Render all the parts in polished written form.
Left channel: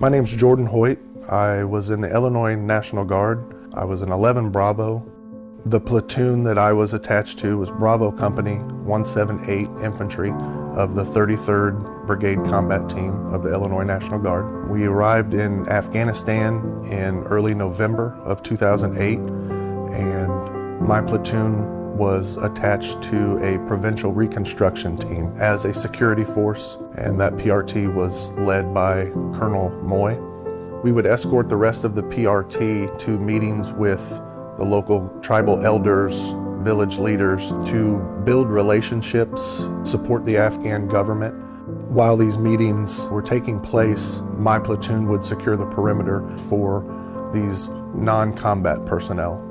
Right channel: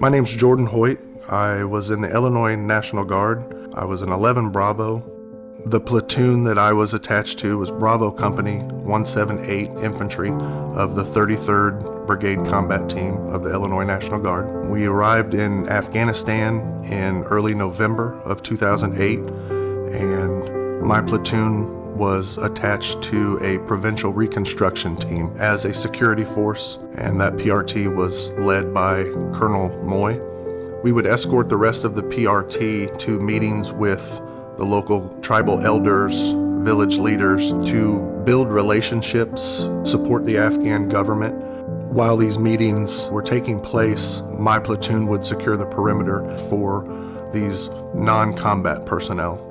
My name's Jordan Hoyt. I was in the Illinois National Guard. I was an 11 Bravo. The platoon that I was attached to was Bravo Company 178 Infantry of the 33rd Brigade Combat Team of the Illinois National Guard. We arrived in Afghanistan in early November of 2008, and my platoon was attached to a provincial reconstruction team as a security force, and that PRT was led by Colonel Moy. We would escort the rest of the PRT to meetings with the local tribal elders, village leaders, to build relationships, support the Afghan government. While these meetings were taking place, my platoon would secure the perimeter for these non-combat personnel.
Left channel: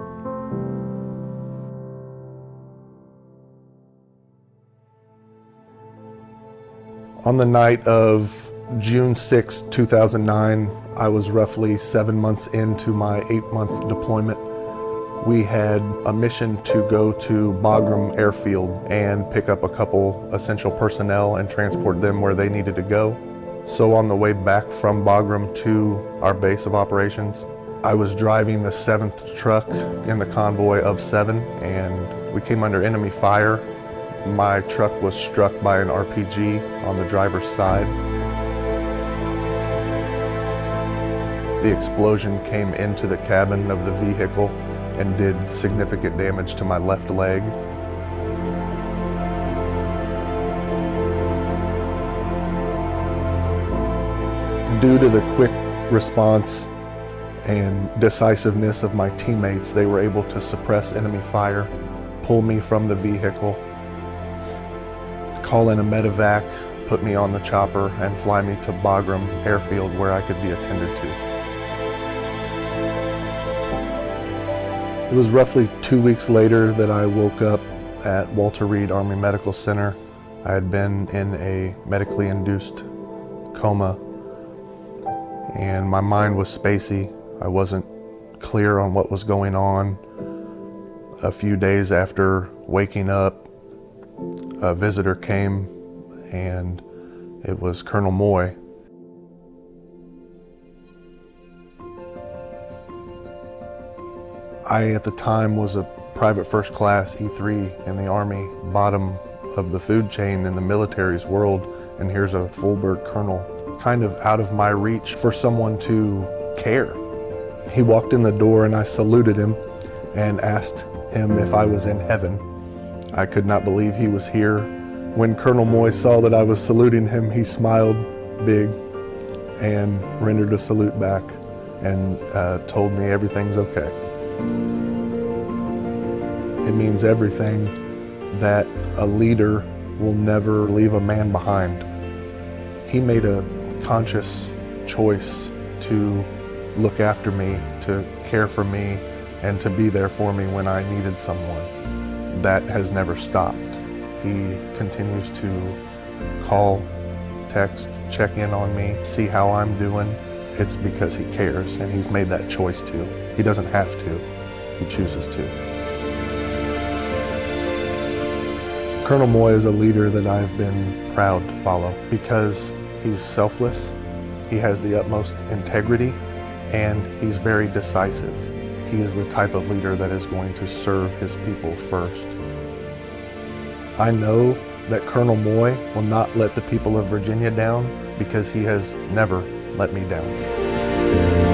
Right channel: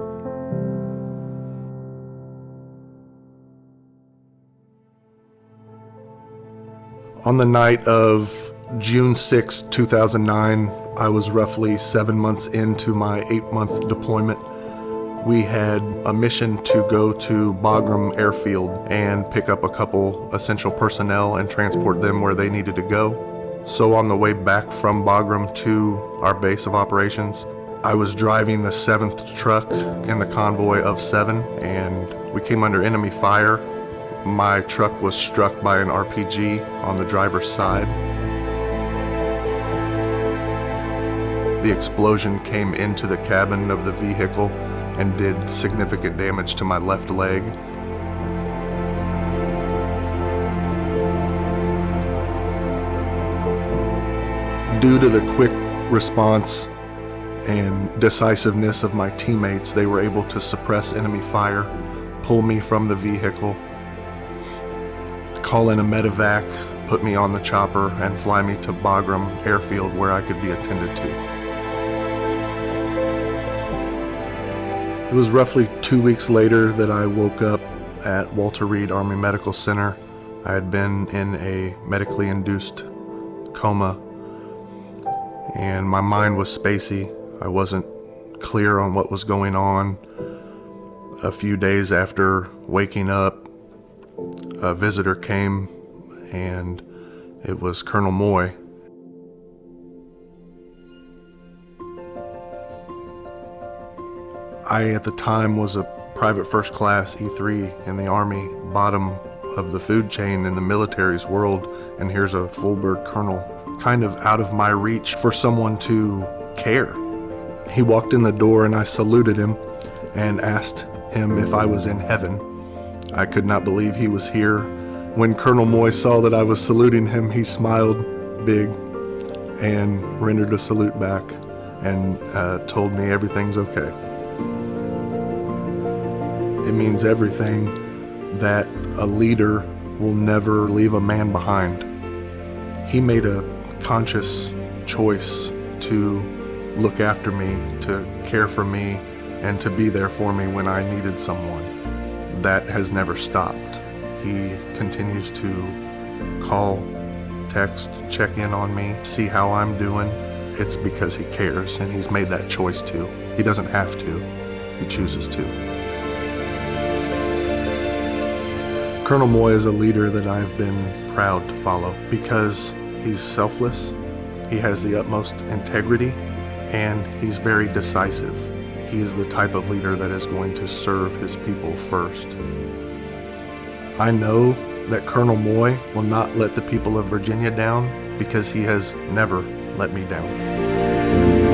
On the night of June 6, 2009, I was roughly 7 months into my 8-month deployment. We had a mission to go to Bagram Airfield and pick up a couple essential personnel and transport them where they needed to go. So on the way back from Bagram to our base of operations, I was driving the 7th truck in the convoy of 7, and we came under enemy fire. My truck was struck by an RPG on the driver's side. The explosion came into the cabin of the vehicle and did significant damage to my left leg. Due to the quick response and decisiveness of my teammates, they were able to suppress enemy fire, pull me from the vehicle, call in a medevac, put me on the chopper, and fly me to Bagram Airfield where I could be attended to. It was roughly 2 weeks later that I woke up at Walter Reed Army Medical Center. I had been in a medically induced coma, and my mind was spacey. I wasn't clear on what was going on. A few days after waking up, a visitor came, and it was Colonel Moy. I, at the time, was a private first class E3 in the Army, bottom of the food chain in the military's world, and here's a full-bird colonel. Kind of out of my reach for someone to care. He walked in the door and I saluted him and asked him if I was in heaven. I could not believe he was here. When Colonel Moy saw that I was saluting him, he smiled big and rendered a salute back and told me everything's okay. It means everything that a leader will never leave a man behind. He made a conscious choice to look after me, to care for me, and to be there for me when I needed someone. That has never stopped. He continues to call, text, check in on me, see how I'm doing. It's because he cares, and he's made that choice to. He doesn't have to, he chooses to. Colonel Moy is a leader that I've been proud to follow because he's selfless, he has the utmost integrity, and he's very decisive. He is the type of leader that is going to serve his people first. I know that Colonel Moy will not let the people of Virginia down because he has never let me down.